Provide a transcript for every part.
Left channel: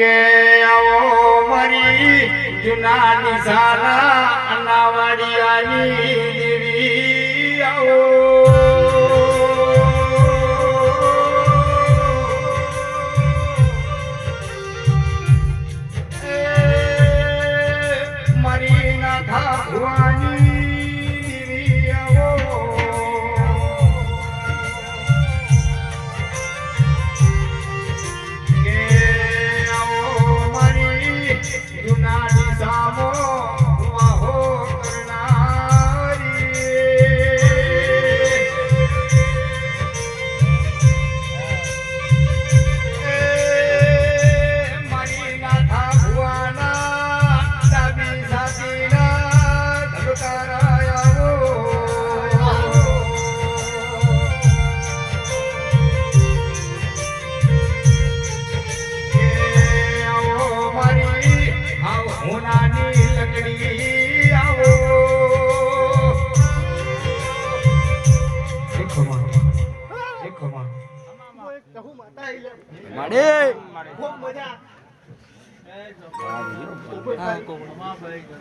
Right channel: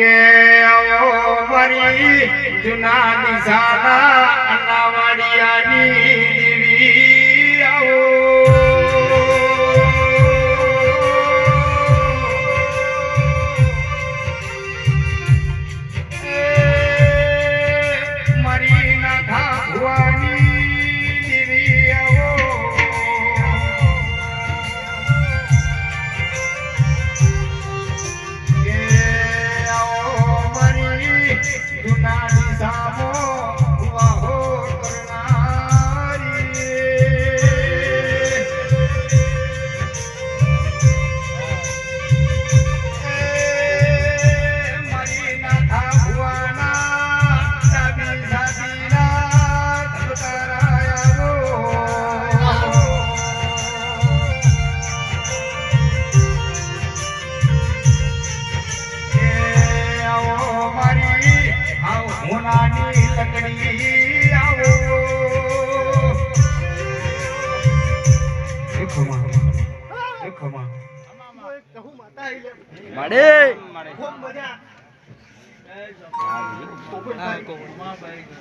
કે આવો મારી જૂના નિશાના અનાવાડિયાની દેવી આવો મારી નાથા ભુવાની દેવી આવો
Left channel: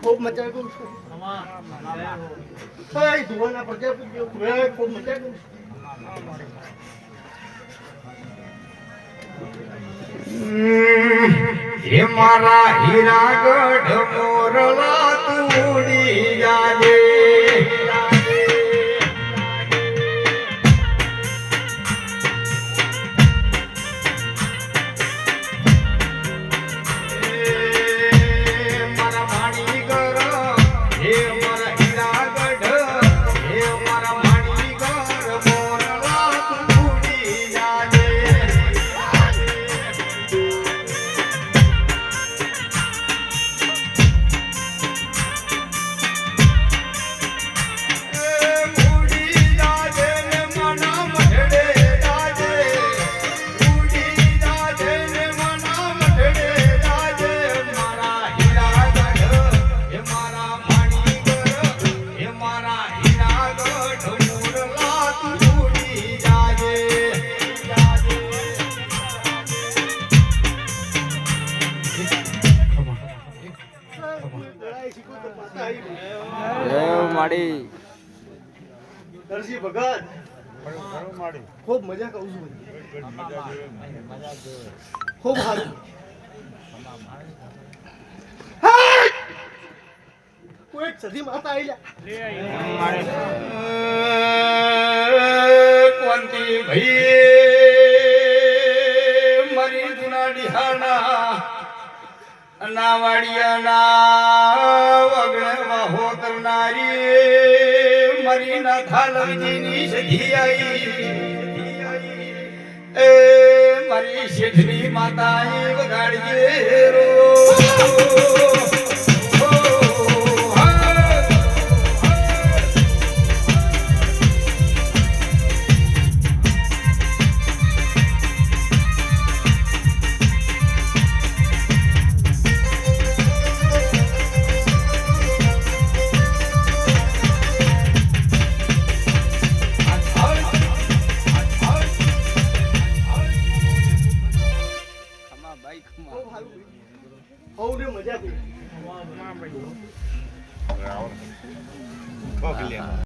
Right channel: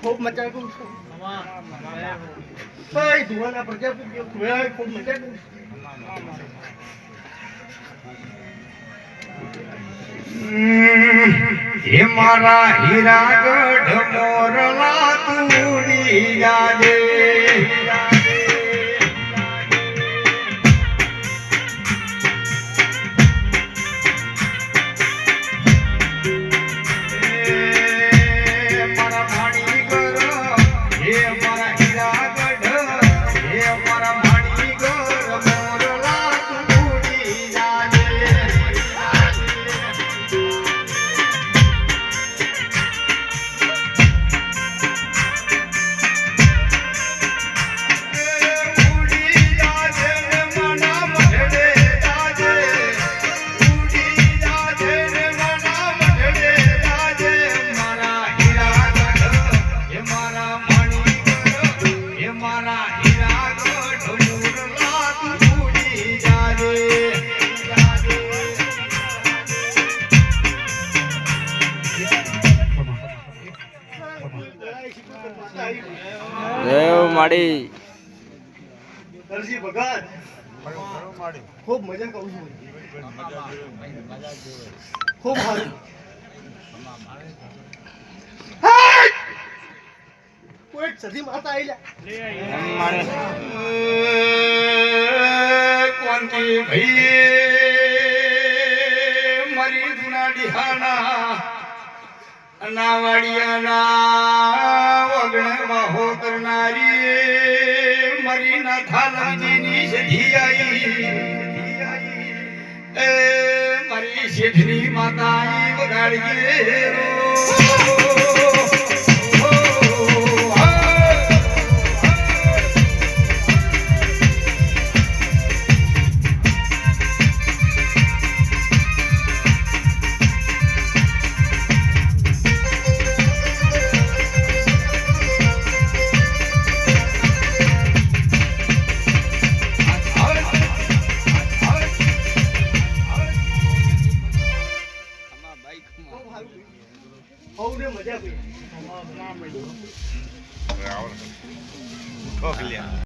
खूब मजा को भाई धुआं प्रजापति खूब मजा को हे मारा हीरागढ़ मोरला तूड़ी जाजे માડી દરજી ભગત ખૂબ મજા કહું છું ખૂબ સારું કોઈ સધી માતા આવી કોંતી ભાઈ મારી જૂના ડિહાના અનાવાડિયાના વગણે વાહો કરનારી મારી નાથા લવજીની સધી આવી એ મારી શેઠની માતાએ વગાડીએ રો